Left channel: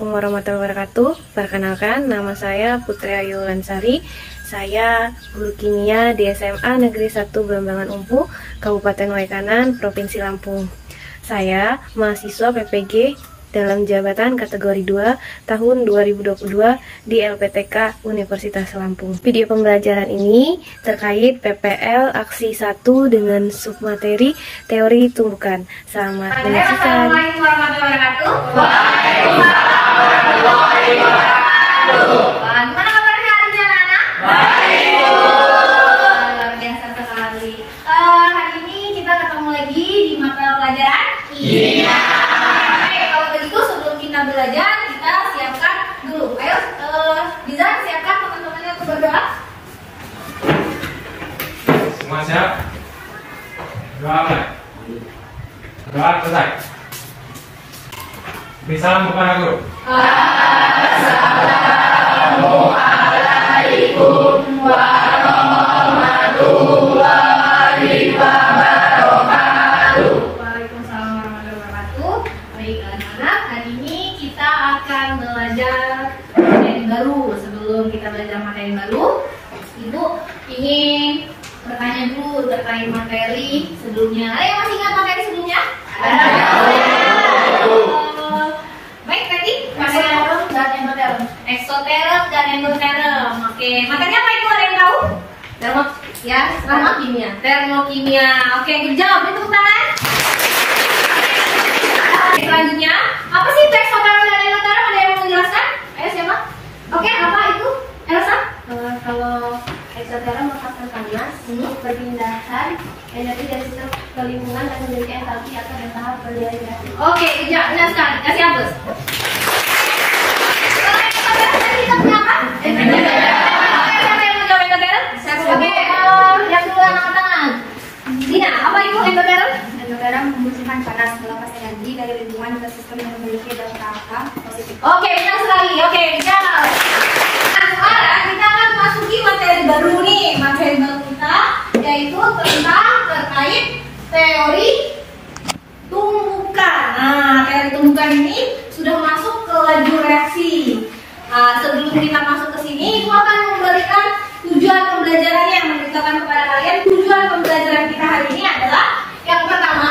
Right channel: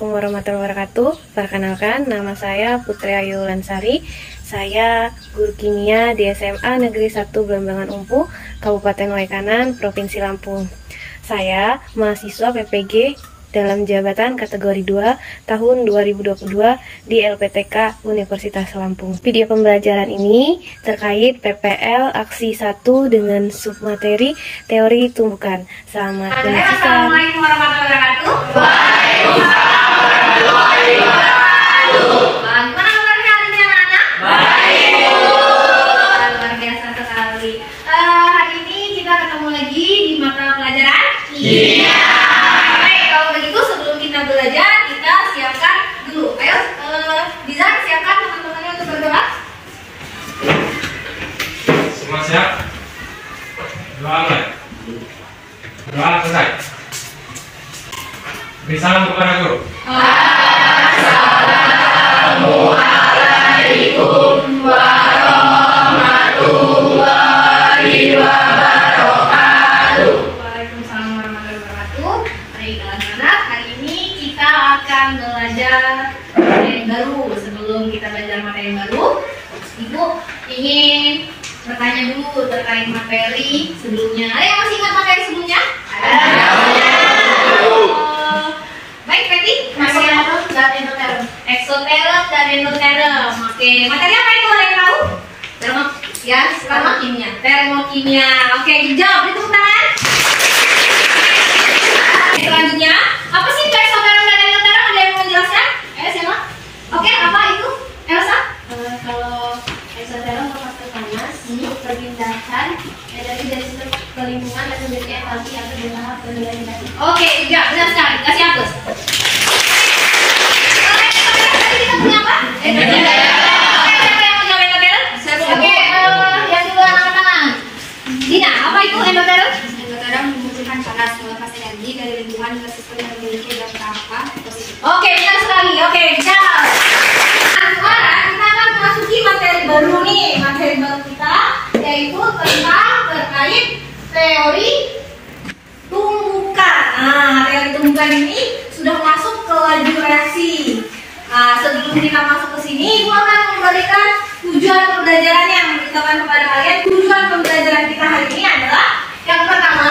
Assalamualaikum warahmatullahi wabarakatuh. Perkenalkan, nama saya Putri Ayu Lansari. Saya guru kimia di SMA Negeri 1 Belambangan Umpu, Kabupaten Waikanan, Provinsi Lampung. Saya mahasiswa PPG dalam jabatan kategori 2 tahun 2022 di LPTK Universitas Lampung. Video pembelajaran ini terkait PPL Aksi 1 dengan submateri teori tumbukan. Selamat menyaksikan. Assalamualaikum warahmatullahi wabarakatuh. Waalaikumsalam warahmatullahi wabarakatuh. Bagaimana kabarnya hari ini anak-anak? Baik. Luar biasa sekali. Hari ini kita ketemu lagi di mata pelajaran kimia. Belajar, kita siapkan dulu. Ayo, Dizan siapkan teman-temannya untuk berdoa. Semua siap? Doa mulai. Doa selesai. Beri salam kepada guru. Assalamualaikum warahmatullahi wabarakatuh. Waalaikumsalam warahmatullahi wabarakatuh. Baik anak-anak, hari ini kita akan belajar materi baru. Sebelum kita belajar materi baru, Ibu ingin bertanya dulu terkait materi sebelumnya. Ada yang masih ingat materi sebelumnya? Ada. Baik, berarti exoterm dan endoterm. Exoterm dan endoterm. Oke, materi apa itu? Ada yang tahu? Termokimia. Termokimia. Oke, jawab. Beri tepuk tangan. Selanjutnya, apa sih itu exoterm dan endoterm? Ada yang mau menjelaskan? Ayo siapa? Oke, apa itu? Elsa? Kalau exoterm merupakan panas, perpindahan energi dari sistem ke lingkungan dan menjadi entalpi atau tahap penilaian. Oke, ya, benar sekali. Kasih hapus. Kita punya apa? Siapa yang mau jawab endoterm? Oke, yang dulu angkat tangan. Dina, apa itu endoterm? Exoterm memunculkan panas melepas energi dari lingkungan ke sistem yang memiliki dampak apa? Oke, benar sekali. Oke, jawab. Sekarang kita akan memasuki materi baru nih. Materi baru kita yaitu tentang terkait teori tumbukan. Nah, teori tumbukan ini sudah masuk ke laju reaksi. Sebelum kita masuk ke sini, Ibu akan memberikan tujuan pembelajarannya, memberitakan kepada kalian tujuan pembelajaran kita hari ini adalah yang pertama,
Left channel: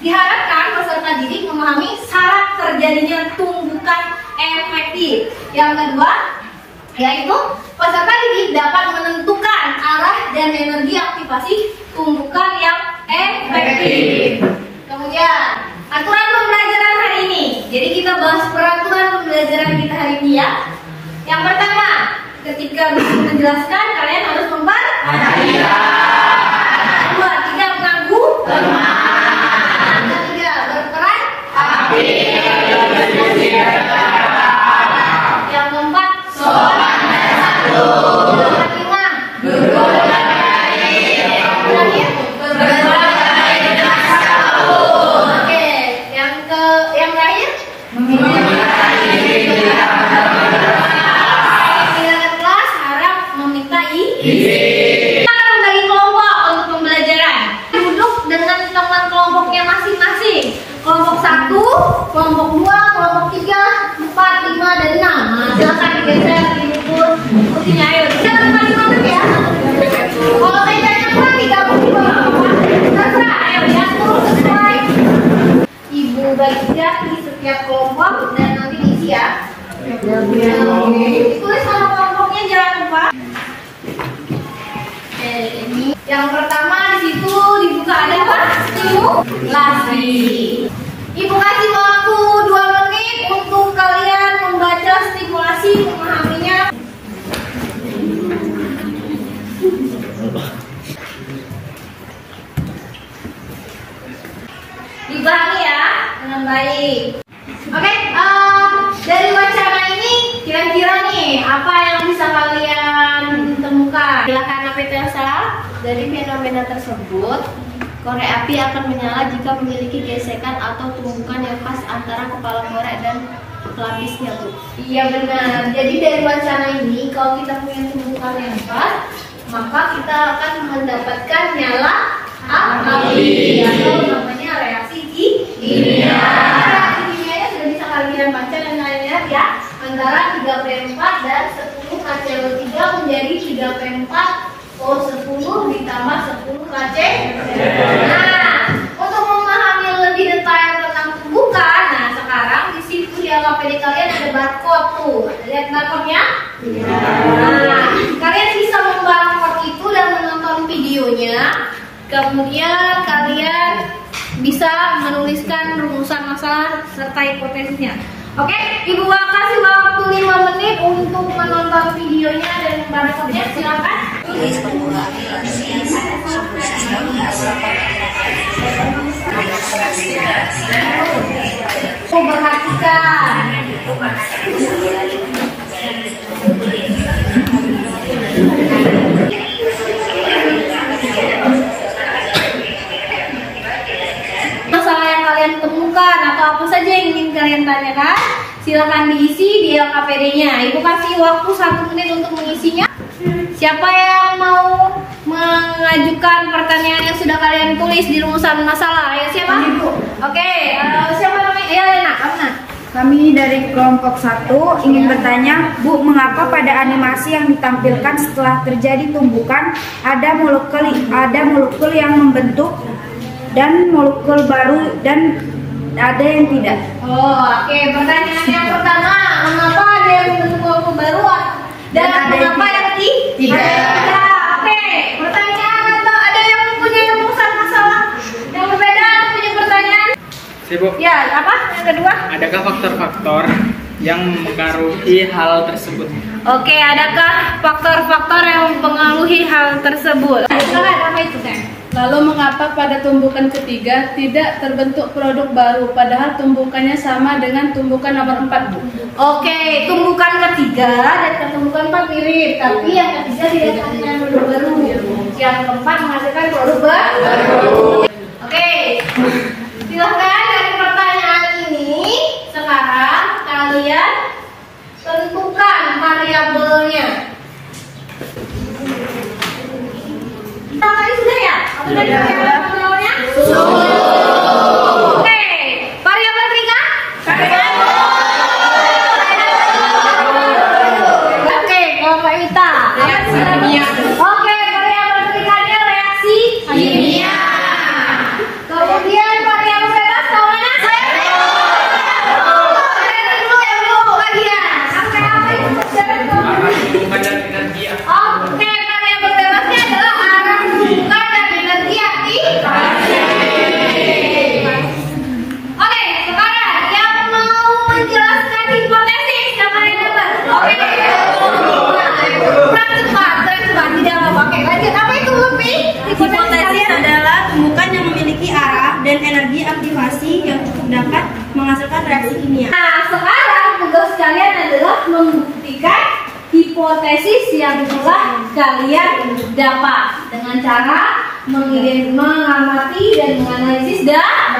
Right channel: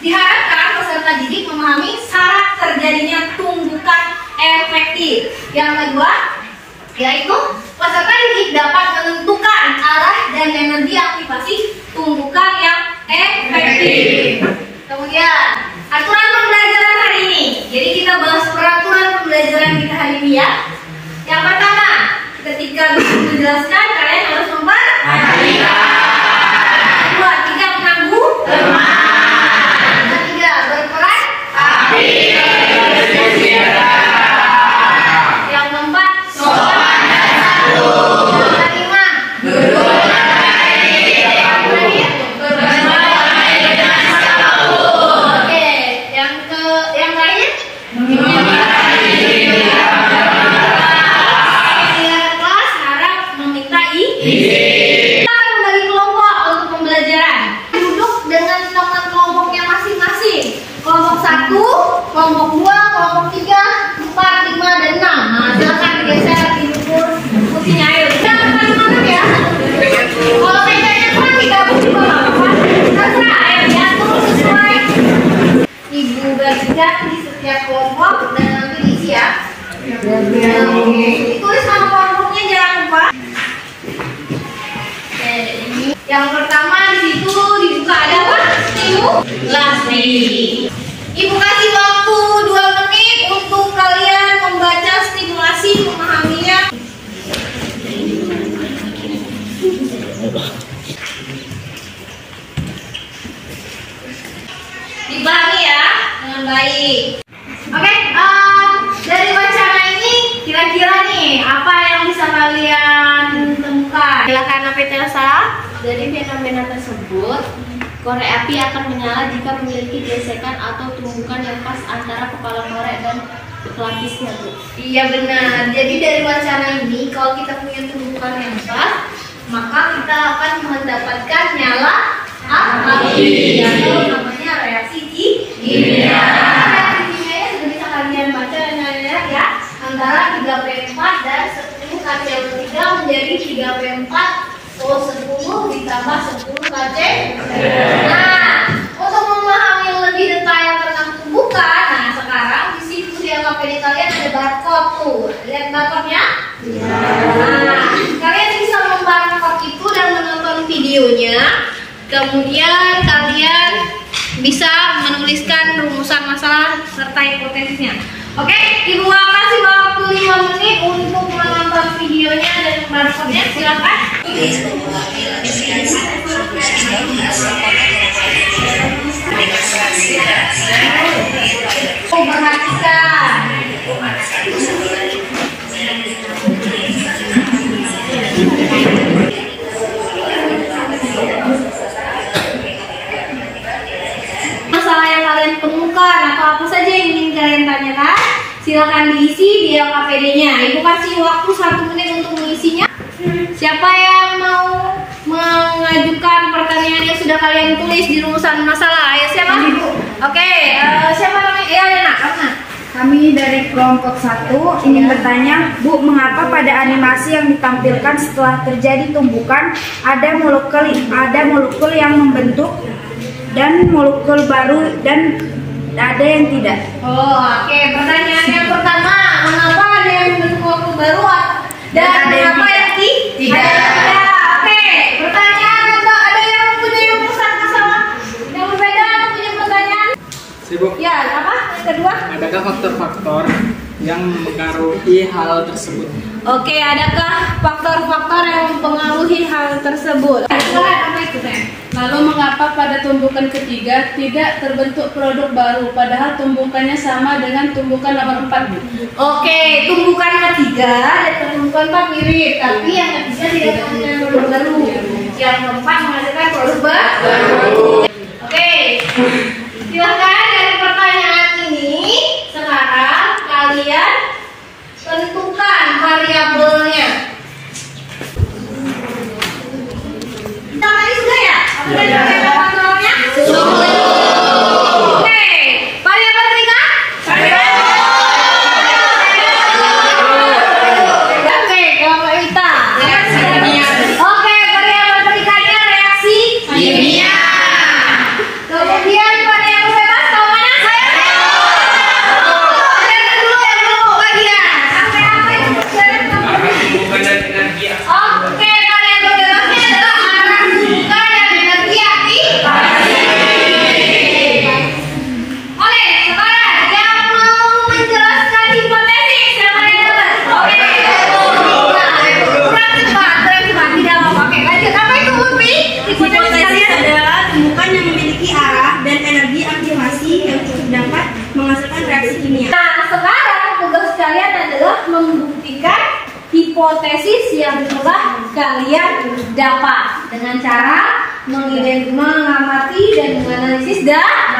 diharapkan peserta didik memahami syarat terjadinya tumbukan efektif. Yang kedua, yaitu peserta didik dapat menentukan arah dan energi aktivasi tumbukan yang efektif. Kemudian, aturan pembelajaran hari ini. Jadi kita bahas peraturan pembelajaran kita hari ini ya. Yang pertama, ketika menjelaskan kalian harus memperhatikan. Kedua, tidak mengganggu teman. Ketiga, berperan aktif. Yang keempat, sopan dan santun. Yang kelima, duduk dan baik. Yang terakhir, berbagai dengan santun. Oke, yang terakhir, kelas harap meminta izin. Kita akan membagi kelompok untuk pembelajaran. Duduk dengan teman kelompoknya masing-masing. Kelompok 1, kelompok 2, kelompok 3, 4, 5, dan 6. Nah, silakan digeser, diukur putihnya. Ayo, bisa kalimat ya. Kalau mejanya kurang digabung juga nggak apa-apa. Terserah, ayo diatur sesuai. Ibu bagikan di setiap kelompok dan nanti diisi ya. Ditulis nama kelompoknya, jangan lupa. Yang pertama di situ dibuka ada apa? Stimulasi. Ibu kasih waktu 2 menit untuk kalian membaca stimulasi, memahaminya. Dipahami ya dengan baik. Oke, dari wacana ini kira-kira nih apa yang bisa kalian temukan? Silakan Elsa. Dari fenomena tersebut, korek api akan menyala jika memiliki gesekan atau tumbukan yang pas antara kepala korek dan pelapisnya, Bu. Iya benar. Jadi dari wacana ini kalau kita punya tumbukan yang pas, maka kita akan mendapatkan nyala api atau namanya reaksi kimia. Reaksi kimianya sudah bisa kalian baca dan kalian 3P4 dan 10 KCl3 menjadi 3P4 O10 ditambah 10 KC. Nah, untuk memahami lebih detail tentang tumbukan, nah sekarang di situ di LKPD kalian ada barcode tuh. Lihat barcode-nya? Nah, kalian bisa membarcode itu dan menonton videonya. Kemudian kalian bisa menuliskan rumusan masalah serta hipotesisnya. Oke, Ibu kasih waktu 5 menit untuk menonton videonya dan membarcode-nya. Silakan. Perhatikan. Masalah yang kalian temukan atau apa saja yang ingin kalian tanyakan, silakan diisi di LKPD-nya. Ibu kasih waktu 1 menit untuk mengisinya. Siapa yang mau mengajukan pertanyaan yang sudah kalian tulis di rumusan masalah? Ayo siapa? Oke, siapa namanya? Elena. Kami dari kelompok 1 ingin bertanya, Bu, mengapa pada animasi yang ditampilkan setelah terjadi tumbukan ada molekul yang membentuk dan molekul baru dan ada yang tidak? Oke. Pertanyaan yang pertama, mengapa ada yang membentuk molekul baru dan mengapa yang tidak? Oke. Pertanyaan atau ada yang mempunyai rumusan masalah yang berbeda atau punya pertanyaan? Sibuk. Ya, apa? Yang kedua? Adakah faktor-faktor yang mempengaruhi hal tersebut? Oke, adakah faktor-faktor yang mempengaruhi hal tersebut? Apa itu, Teh? Lalu mengapa pada tumbukan ketiga tidak terbentuk produk baru padahal tumbukannya sama dengan tumbukan nomor 4, Bu? Oke, tumbukan ketiga dan tumbukan 4 mirip, tapi yang ketiga tidak menghasilkan produk baru. Yang keempat menghasilkan produk baru. Oke, silakan dari pertanyaan ini sekarang kalian tentukan variabelnya. Tadi sudah ya? Sudah variabel namanya? Oke, variabel ketiga? Oke, kelompok Ita. Reaksi kimia. Oke, variabel ketiganya reaksi kimia. Kemudian variabel bebas tahu mana? Yang dulu bagian. Sampai apa itu? Tumbukan dan energi. Oke, variabel bebasnya adalah arah tumbukan dan energi aktivasi. Oke, sekarang yang mau menjelaskan hipotesis siapa yang dapat? Oke. Tidak mau pakai. Lanjut, apa itu Lupi? Hipotesis adalah tumbukan yang memiliki arah dan energi aktivasi yang cukup dapat menghasilkan reaksi kimia. Nah, sekarang tugas kalian adalah membuktikan hipotesis yang telah kalian dapat dengan cara mengamati dan menganalisis data.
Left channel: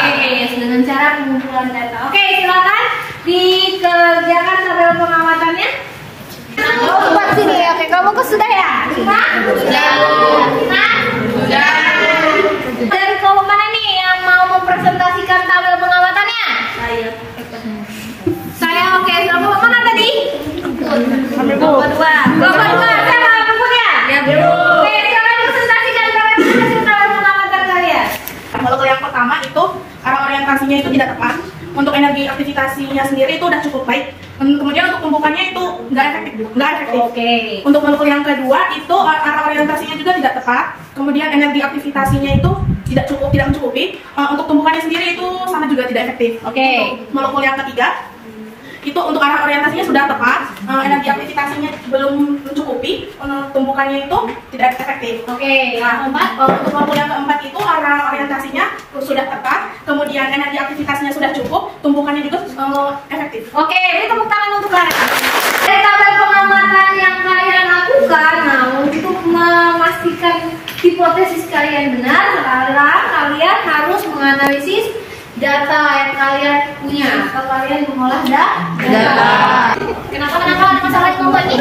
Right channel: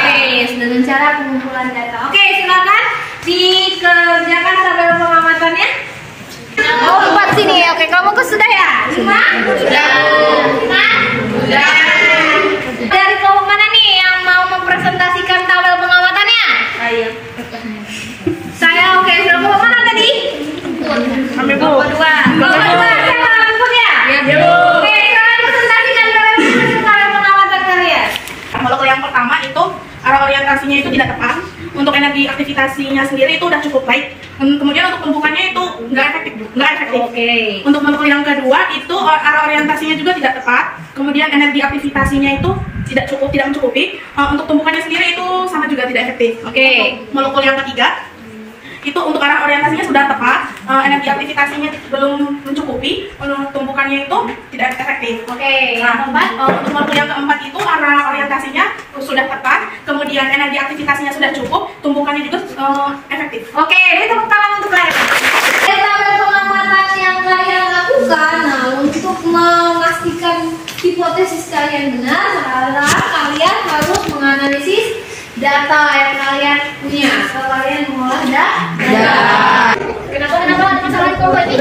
Oke, dengan cara pengumpulan data. Oke, silakan dikerjakan tabel pengamatannya. Oh, 4 sini. Oke, kamu sudah ya? Sudah. Dari kelompok mana nih yang mau mempresentasikan tabel pengamatannya? Ayo. Saya oke. Kelompok mana tadi? Kami Bu. Kelompok 2. Saya mau bukunya? Ya, Bu. Oke, silakan presentasikan tabel pengamatan kalian. Molekul yang pertama itu arah orientasinya itu tidak tepat. Untuk energi aktivitasinya sendiri itu udah cukup baik. Kemudian untuk tumbukannya itu nggak efektif. Oke. Untuk molekul yang kedua itu arah orientasinya juga tidak tepat. Kemudian energi aktivitasinya itu tidak mencukupi. Untuk tumbukannya sendiri itu sama juga tidak efektif. Oke. Untuk molekul yang ketiga itu untuk arah orientasinya sudah tepat, energi aktivitasinya belum mencukupi, tumbukannya itu tidak efektif. Oke. Nah, untuk molekul yang keempat itu arah orientasinya sudah tepat, kemudian energi aktivitasinya sudah cukup, tumbukannya juga efektif. Oke, ini tepuk tangan untuk kalian. Dari tabel pengamatan yang kalian lakukan, nah untuk memastikan hipotesis kalian benar, sekarang kalian harus menganalisis data yang kalian punya. Kalian mengolah data. Kenapa ada masalah di kelompok ini?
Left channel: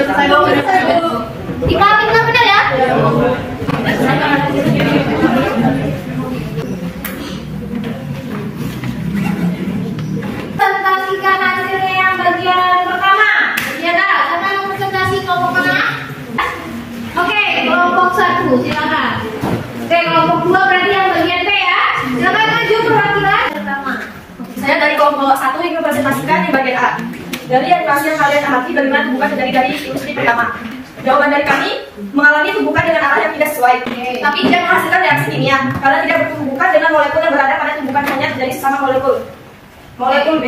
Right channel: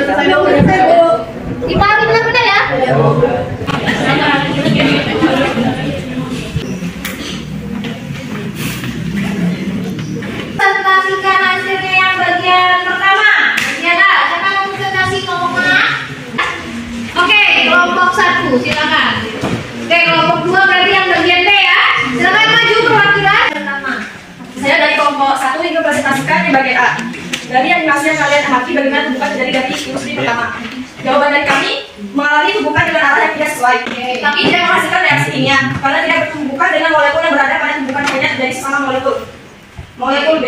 Dipahami benar-benar ya? Presentasikan hasilnya yang bagian silakan. Oke, kelompok 2 berarti yang bagian B ya. Silakan maju perwakilan. Saya dari kelompok 1 ingin presentasikan di bagian A. Dari animasi yang kalian amati bagaimana tumbukan terjadi dari ilustrasi pertama. Jawaban dari kami mengalami tumbukan dengan arah yang tidak sesuai, tapi tidak menghasilkan reaksi kimia karena tidak bertumbukan dengan molekul yang berada pada tumbukan hanya terjadi sesama molekul. Molekul B.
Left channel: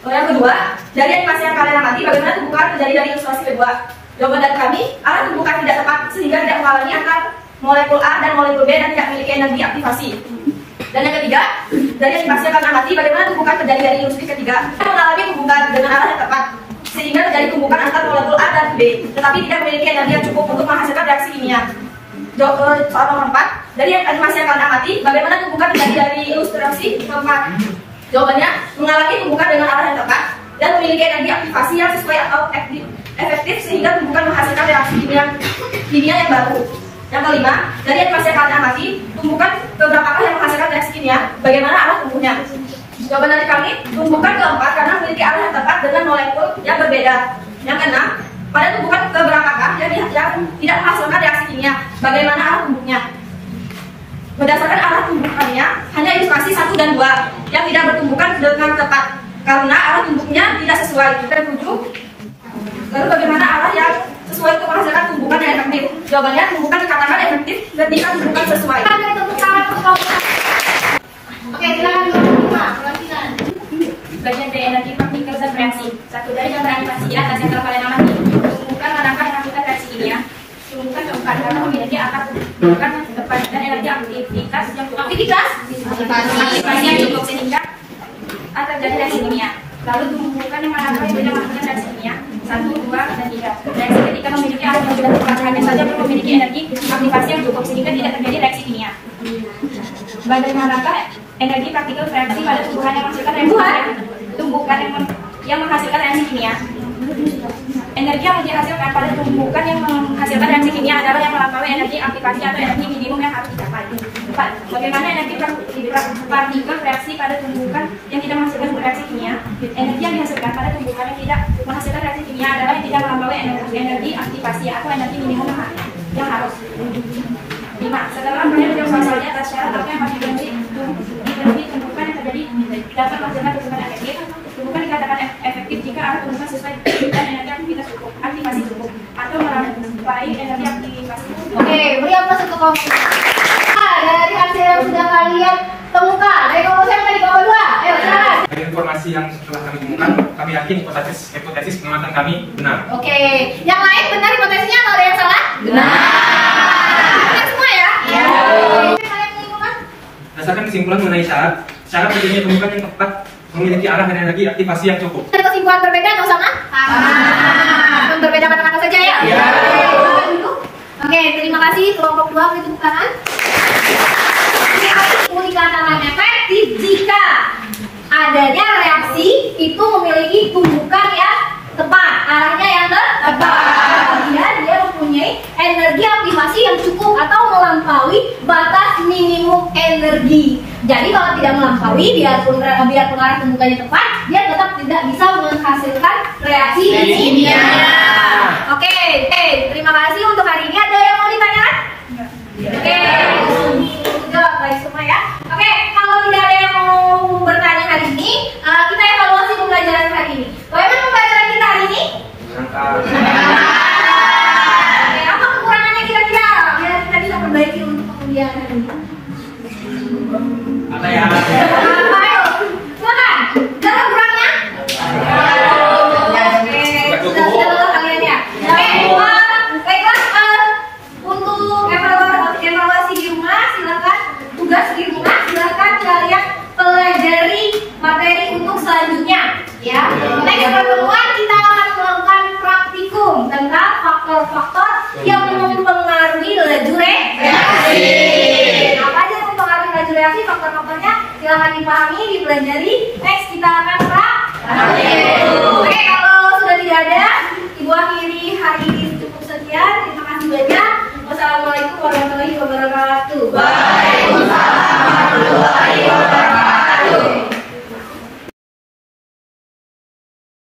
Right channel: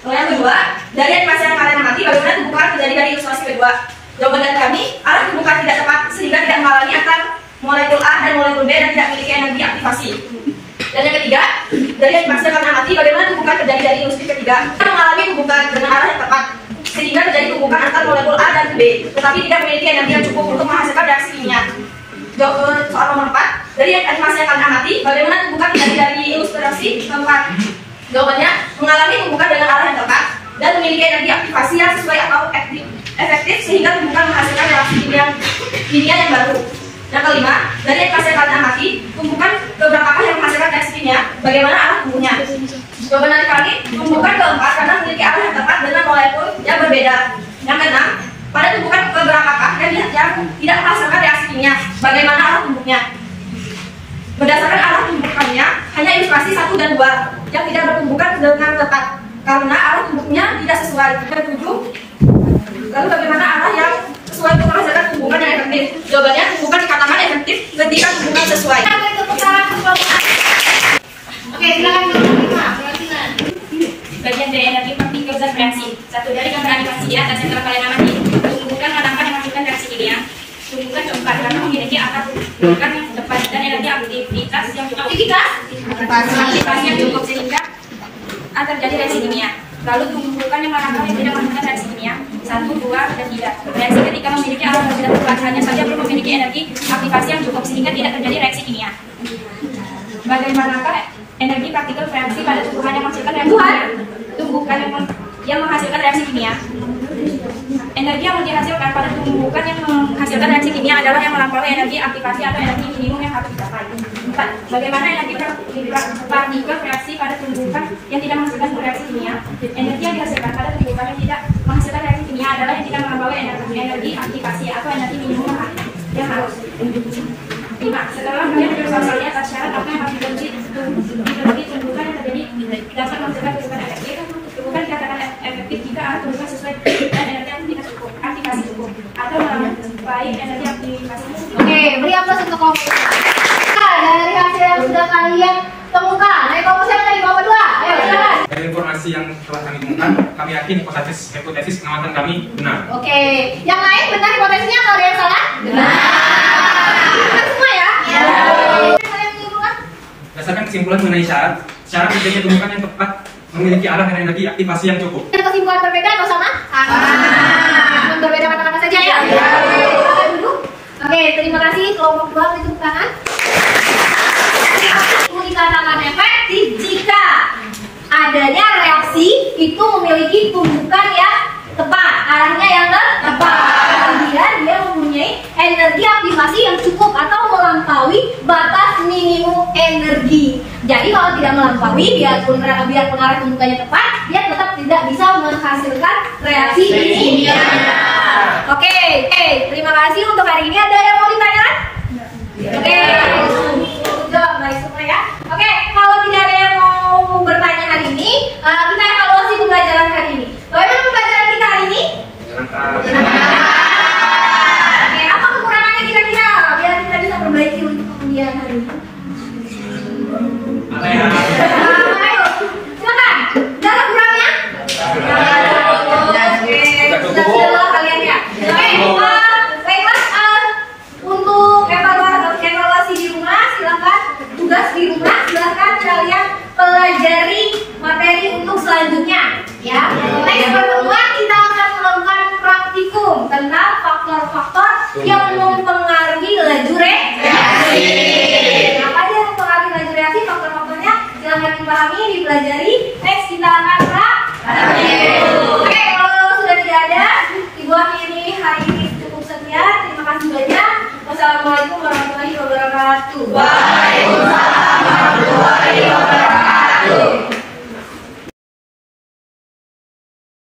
Yang kedua, dari animasi yang kalian amati bagaimana tumbukan terjadi dari ilustrasi kedua. Jawaban dari kami, arah tumbukan tidak tepat sehingga tidak mengalami antar molekul A dan molekul B dan tidak memiliki energi aktivasi. Dan yang ketiga, dari animasi yang kalian amati bagaimana tumbukan terjadi dari ilustrasi ketiga. Mengalami tumbukan dengan arah yang tepat sehingga terjadi tumbukan antar molekul A dan B, tetapi tidak memiliki energi yang cukup untuk menghasilkan reaksi kimia. Soal nomor 4, dari animasi yang kalian amati bagaimana tumbukan terjadi dari ilustrasi keempat. Jawabannya, mengalami tumbukan dengan arah yang tepat dan memiliki energi aktivasi yang sesuai atau efektif sehingga tumbukan menghasilkan reaksi kimia yang baru. Yang kelima, dari animasi yang kalian amati, tumbukan beberapa yang menghasilkan reaksi kimia, bagaimana arah tumbuhnya. Jawaban dari kami, tumbukan keempat karena memiliki arah yang tepat dengan molekul yang berbeda. Yang keenam, pada tumbukan beberapa yang tidak menghasilkan reaksi kimia, bagaimana arah tumbuhnya. Berdasarkan arah tumbukannya, hanya ilustrasi 1 dan 2 yang tidak bertumbukan dengan tepat karena arah tumbuhnya tidak sesuai. Dan 7, lalu bagaimana arah yang sesuai untuk menghasilkan tumbukan yang efektif. Jawabannya, tumbukan dikatakan efektif ketika tumbukan sesuai. Oke, silakan perwakilan. Bagian dari energi partikel zat reaksi. Satu dari gambar animasi di atas yang telah kalian amati, tumbukan menangkap yang menghasilkan reaksi kimia. Tumbukan congkak karena memiliki akar tumbukan yang tepat dan energi aktivitas yang cukup. Aktivitas yang cukup sehingga terjadi reaksi kimia. Lalu tumbukan yang menangkap yang tidak menghasilkan reaksi kimia. 1, 2, dan 3. Reaksi ketika memiliki arah yang tidak tepat hanya saja belum memiliki energi aktivasi yang cukup sehingga tidak terjadi reaksi kimia. Bagaimanakah energi partikel reaksi pada tumbuhan yang menghasilkan reaksi kimia? Tumbukan yang menghasilkan reaksi kimia. Energi yang dihasilkan pada tumbukan yang menghasilkan reaksi kimia adalah yang melampaui energi aktivasi atau energi minimum yang harus dicapai. 4. Bagaimana energi partikel reaksi pada tumbukan yang tidak menghasilkan reaksi kimia? Energi yang dihasilkan pada tumbukan yang tidak menghasilkan reaksi kimia adalah yang tidak melampaui energi aktivasi atau energi minimum yang harus. 5. Setelah banyak penjelasannya atas syarat apa yang harus diganti tumbukan yang terjadi dapat menghasilkan tumbukan efektif. Tumbukan dikatakan efektif jika arah tumbukan sesuai dan energi aktivasi cukup atau melampaui energi aktivasi. Oke, beri aplaus untuk kelompok. Dari hasil yang sudah kalian temukan, dari kelompok saya dari kelompok 2. Ayo, silakan. Dari informasi yang telah kami temukan, kami yakin hipotesis pengamatan kami benar. Oke, yang lain benar hipotesisnya atau ada yang salah? Benar. Benar semua ya? Iya. Kalian menyimpulkan? Berdasarkan kesimpulan mengenai syarat terjadinya tumbukan yang tepat memiliki arah dan energi aktivasi yang cukup. Ada kesimpulan berbeda atau sama? Sama. Berbeda kata-kata saja ya? Iya. Oke, terima kasih kelompok 2 beri tepuk tangan. Dikatakan efektif jika adanya reaksi itu memiliki tumbukan yang tepat, arahnya yang tepat. Kemudian dia mempunyai energi aktivasi yang cukup atau melampaui batas minimum energi. Jadi kalau tidak melampaui, biarpun arah tumbukannya tepat, dia tetap tidak bisa menghasilkan reaksi kimia. Oke, terima kasih untuk hari ini. Ada yang mau ditanyakan? Oke, jawab guys semua ya. Oke, kalau tidak ada yang mau bertanya hari ini, kita evaluasi pembelajaran hari ini. Bagaimana pembelajaran kita hari ini? Oke, apa kekurangannya kira-kira? Biar kita bisa perbaiki untuk kemudian hari ini. Ada ya? Ayo, silakan. Jangan kurangnya. Oke, sudah kalian ya. Baiklah, untuk evaluasi di rumah, silakan tugas di rumah, silakan kalian pelajari materi untuk selanjutnya. Ya, next pertemuan kita akan melakukan praktikum tentang faktor-faktor yang mempengaruhi laju reaksi. Apa aja yang mempengaruhi laju reaksi? Faktor-faktornya silahkan dipahami, dipelajari. Next kita akan praktik. Oke, kalau sudah tidak ada, Ibu akhiri hari ini cukup sekian. Terima kasih banyak. Wassalamualaikum warahmatullahi wabarakatuh.